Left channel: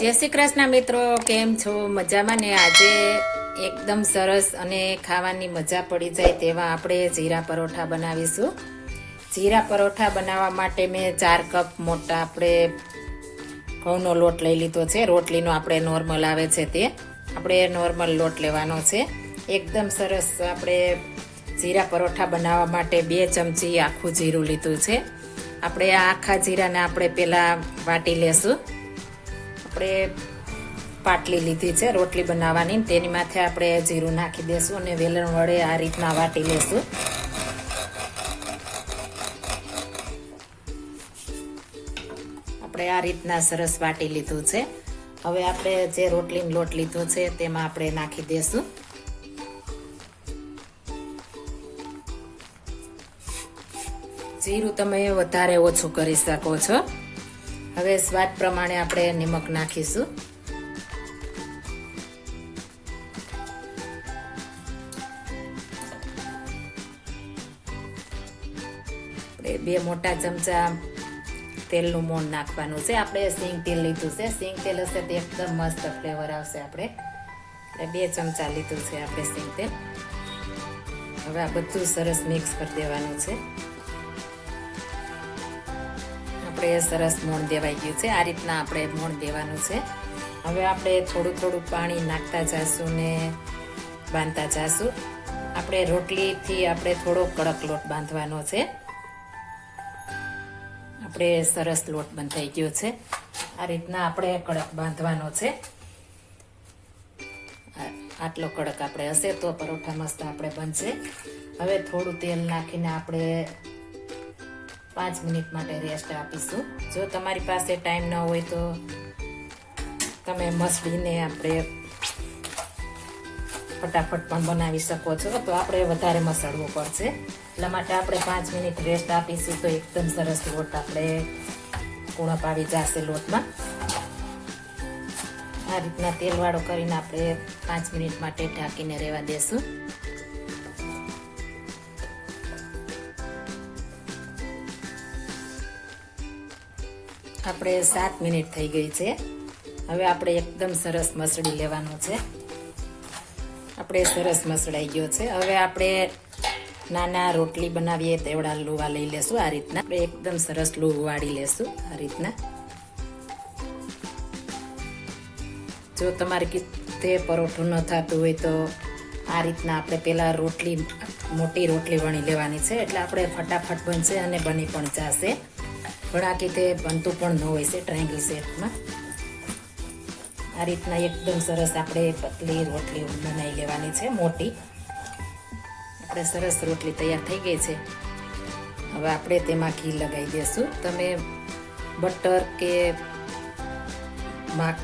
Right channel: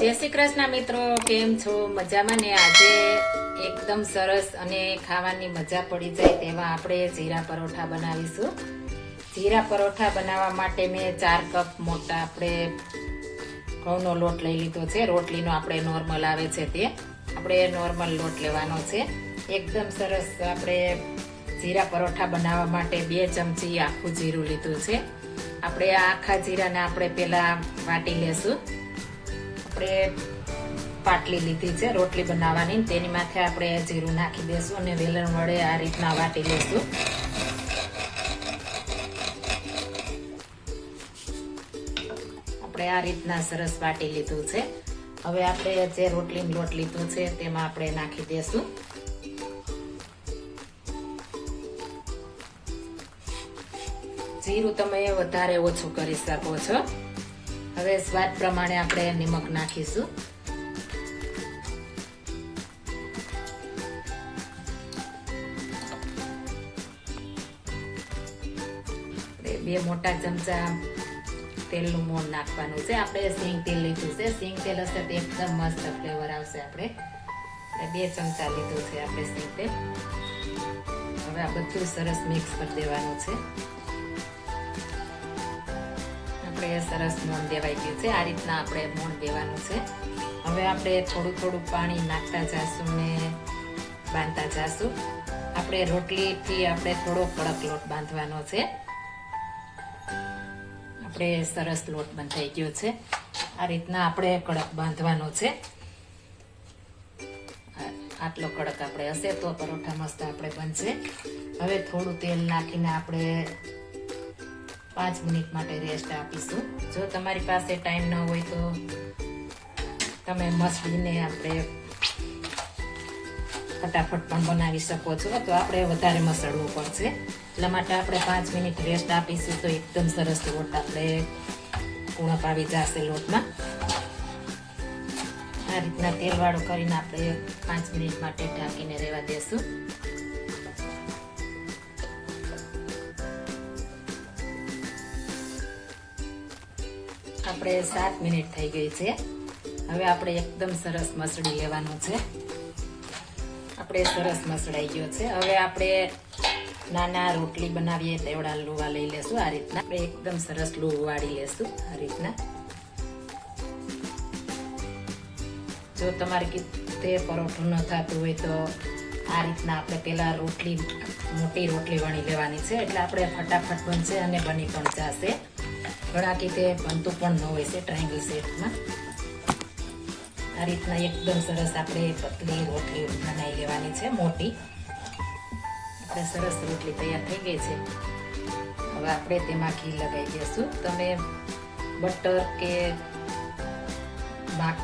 જય શ્રી કૃષ્ણ મિત્રો, કેમ છો? મજામાં ને? આજે એકદમ સરસ અને ખાવાની મજા પડી જાય તેવા આપણે જીરા પરોઠા બનાવીશું. જીરા પરોઠા બનાવવા માટે મેં ચાર કપ મોટા આપણે ઘઉંનો લોટ લઈ લીધો છે. રોટલીનો આપણે નોર્મલ આવે છે તે. આપણે નોર્મલ લોટ લેવાનો છે. એકદમ સરસ આપણે જીરા પરોઠા બનાવવા માટે બે ચમચી આખું જીરું લીધું છે. આપણે આ આખા જીરાને આપણે પહેલાં વાટી લેશું. આપણે પાટલી લીધી છે, રોટલી બનાવવાની. તેની માથે આપણે જીરું નાખી દઈશું અને વેલણ વડે આ રીતના વાટી લેશું. આપણે આ રીતના સરસ વાટી લીધું છે. હવે આપણે જે રોટલીનો લોટ લીધો છે, તેમાં આપણે નાખી દઈશું જીરું તમે વધારે ઓછું કરી શકો છો. હવે સ્વાદ પ્રમાણે આપણે નિમક નાખીશું. બે મોટા ચમચા તેલનું મોણ નાખવાનું છે. આપણે સિંગ તેલ લીધું છે. સિંગ તેલ હશે તો એકદમ મસ્ત ફ્લેવર આવશે આપણે. બે ચમચા લીધું છે આપણે સિંગ તેલ. હવે આ બધું સરસ મિક્સ કરી દેવાનું છે. આપણે સરસ મોણ દેવાઈ ગયું છે. આ રીતના આપણે મોણ દેવાનું છે. હવે આપણે થોડું થોડું પાણી નાખતા જઈશું ને બાંધતા જઈશું આપણે રોટલીથી આપણે થોડો કડક લોટ બાંધવાનો છે. આપણે સરસ લોટ બંધાઈ ગયો છે. આ રીતના આપણે કડક બાંધવાનો છે. આટલો કડક આપણે હશે તો પરોઠા મસ્ત આપણે બનશે. હવે થોડું તેલ નાખીને આપણે પાંચ મિનિટ માટે રેસ્ટ આપીશું. જો તમારી પાસે ટાઈમ ન હોય તો તમે મસળીને આપણે ફટાફટ પણ બનાવી શકો છો. તો આપણે વધારે મસાળવું પડશે. એટલા માટે આપણે પાંચ મિનિટ રેસ્ટ આપીશું તો એકદમ સરસ લોટ આપણે કુણપ આવી જશે લોટમાં. આ રીતના તેલવાળો કરીને આપણે પાંચ મિનિટ માટે ઢાંકીને રહેવા દેશું. આપણે સાત મિનિટ થઈ ગઈ છે. હવે આપણે એકદમ સરસ મસળી લેવાનો છે. આપણે સરસ મસળાઈ ગયો છે. હવે આપણે નાના રોટલી બનાવીએ તેવડા લુવા લઈ લેશું આ રીતના. આપણે એકદમ સરસ લુવું વાળી લેશું આ રીતના. જો તમારે કીધે પરોઠું ન થતું હોય તો આ રીતના આપણે પહેલાં રોટલી, મોટી રોટલી વણી લેવાની છે. એટલે આપણે ફટાફટ બનશે અને બની પણ જશે. ઘણા કે બનતું પણ ન હોય છે ટ્રાયંગલ શેપમાં આ રીતના એકદમ સરસ આપણે પતલી રોટલી બનાવી લેવાની છે, મોટી. આપણે સરસ રોટલી તૈયાર થઈ ગઈ છે. હવે આપણે તેમાં ઘી લગાવી દઈશું. તમે બટર કે માખ,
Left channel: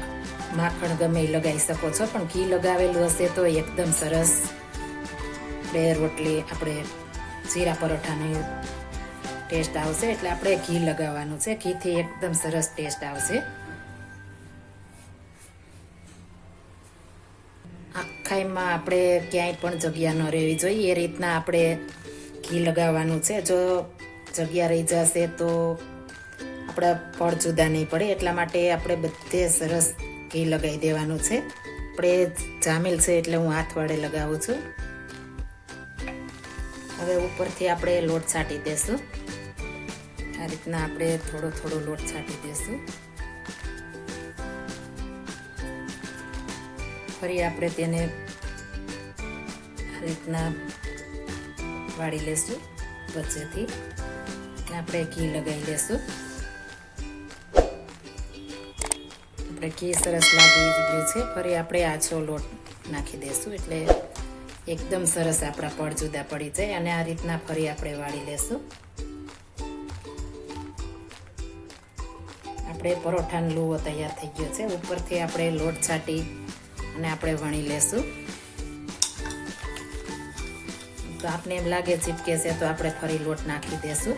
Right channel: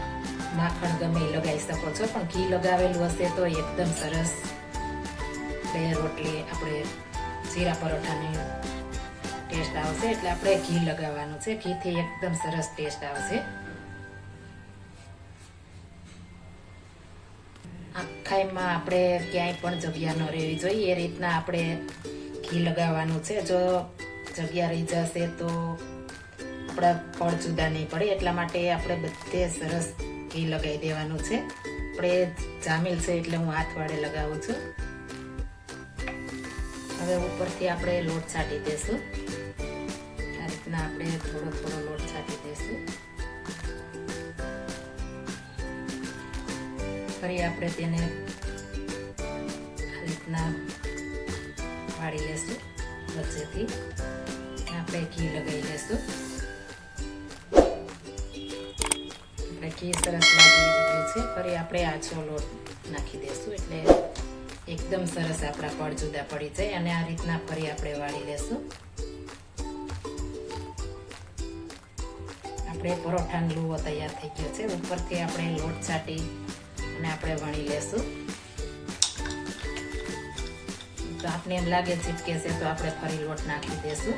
માખણ ગમે લગાવી શકો છો, પણ ઘી લગાવેલું હશે તો એકદમ સરસ. બે રોટલી આપણે જીરા પરોઠાની ટેસ્ટ આવશે એટલે આપણે ઘી લગાવવાનું છે. ઘીથી એકદમ સરસ ટેસ્ટ આવશે. આખાઈમાં આપણે ક્યાંય પણ જગ્યા ન રહેવી જોઈએ. એ રીતના આપણે ઘી લગાવવાનું છે. જો જગ્યા રહી જશે તો આપણા ફળ જુદા નહીં પડે. એટલા માટે આપણે બધે સરસ ઘી લગાવી દેવાનું છે. આપણે જામેલ છે એટલે હું હાથ વડે લગાવું છું. હવે ઉપરથી આપણે લોટ છાંટી આ રીતના આપણે થોડો થોડો લોટ છાંટી દઈશું. ફરી આપણે તેને રીતના વાળી લેશું વચ્ચેથી. આપણે ઘી લગાવી દઈશું આપણે ઘી સરસ લાગી ગયું છે. ફરી આપણે આછો લોટ નાખી દઈશું એટલે એકદમ સરસ આપણા પડ જુદા પડી જાય અને આ રીતના ફરી આપણે વાળી લેશું. આપણે પરોઠાનો લોવો તૈયાર થઈ ગયો છે. ઉપરથી આપણે લોટ છાંટી અને આપણે વણી લેશું. તો આપને એમ લાગે ચીપકે છે તો આપણે ફરી લોટ નાખી દેશું.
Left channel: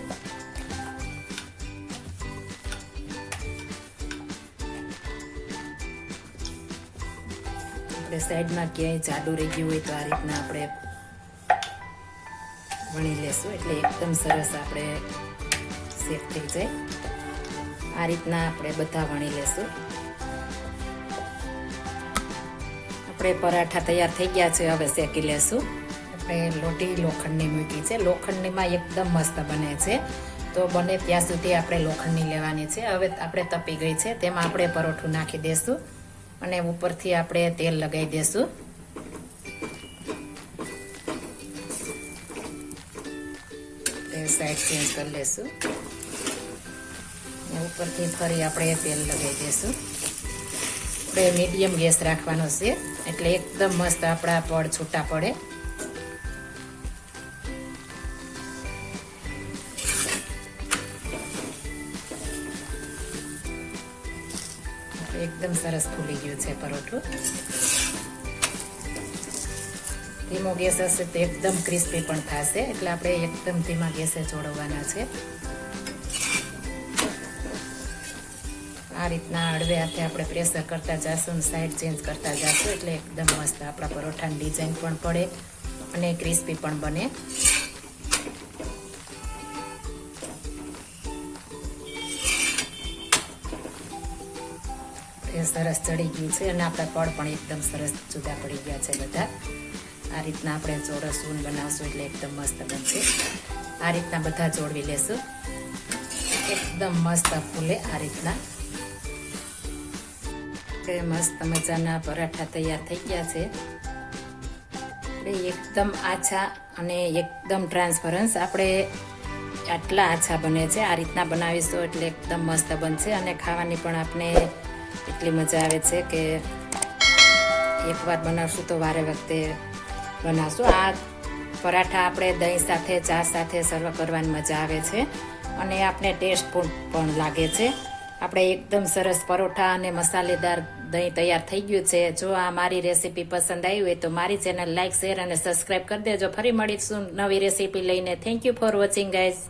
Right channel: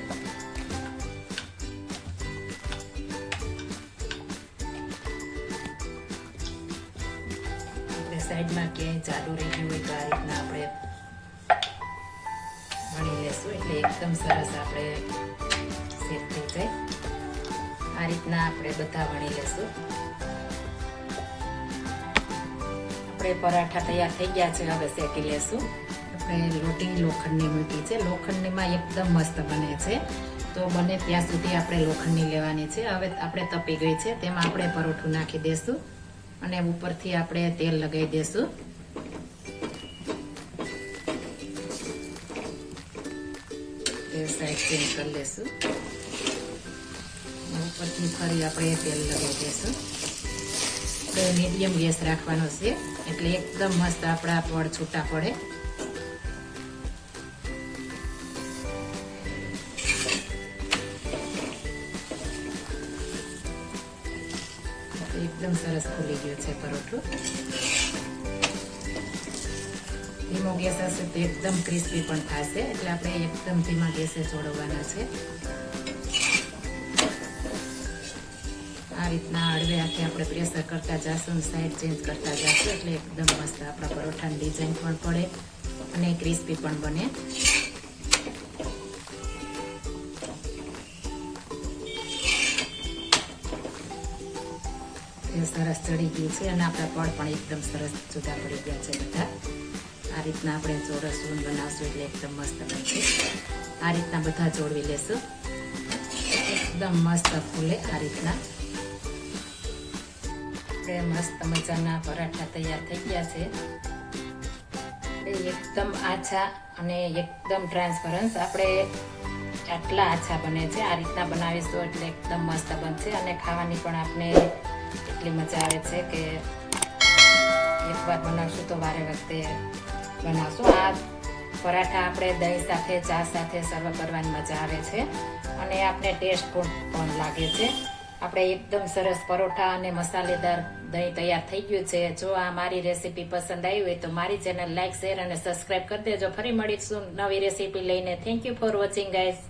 આપણે સાઈડમાં ક્યાંય જાડું રહી ગયું હોય તો આ રીતના આપણે વણી લેશું. એટલે એકદમ સરસ આપણે સેફ થઈ જાય. આ રીતના આપણે બધા વણી લેશું. આપણે પરાઠા તૈયાર થઈ ગયા છે, હવે શેકી લેશું. આપણે લોટી લોખંડની મૂકી છે. લોખંડનીમાં એકદમ મસ્ત બને છે. તો બને ત્યાં સુધી આપણે લોખંડની લેવાની છે. હવે આપણે તપી ગઈ છે, તેમાં આપણે પરોઠું નાખી દેશું અને ઉપરથી આપણે તેલ લગાવી તેલ સાઈડ ચેન્જ કરી લેશું ઉપરથી ફરી આપણે તેલ લગાવી દઈશું. આપણે મીડિયમ ગેસ રાખવાનો છે. એટલે એકદમ મસ્ત આપણા પડ છૂટા પડે. એકદમ સરસ ફૂલી ગયું છે પરોઠું. ધીમો ગેસ હશે તો એકદમ ક્રિસ્પી પણ થશે. એટલે આપણે એકદમ ધીમા ગેસે જોડવાના છે. રીતના અડવે હાથે આપણે પ્રેશર કરતા જઈશું સાઈડ ચેન્જ કરતા જઈશું એટલે એકદમ મસ્ત આપણા પરોઠાની ડિઝાઇન પણ પડે અને ક્રિસ્પી પણ બને. સરસ ચડી ગયું છે અને આપણા પડ પણ એકદમ સરસ જુદા પડી ગયા છે બધા. આ રીતના આપણે ચોરસ ઊન બનાવશું એટલે એકદમ મસ્ત બનશે. આ રીતના બધા જોડવી લેશું. એકદમ મસ્ત ફૂલે આ રીતના. આપણે મસ્ત મજાના પરાઠા તૈયાર થઈ ગયા છે. એકદમ આછા અને એકદમ ટ્રાન્સપરન્સ આપણે આટલા આછા બને છે, આ રીતના બનાવીશું એટલે એકદમ મસ્ત બનશે અને ખાવાની પણ આપણે એટલી મજા આવે છે કે એકવાર બનાવશું તો વારે વખતે બનાવશું. આ પરાઠા આપણે દહીં સાથે, ચા સાથે સર્વ કરવાની મજા આવે છે અને આપણે ટેસ્ટ પણ લાગે છે. આપણે એકદમ સરસ પરોઠા અને મસાલેદાર દહીં તૈયાર થઈ ગયું છે. જો આ મારી રેસીપી પસંદ આવી હોય તો મારી ચેનલ લાઇક શેર અને સબસ્ક્રાઈબ કરી દેજો. ફરી મળીશું નવી રેસીપી લઈને. Thank you for watching guys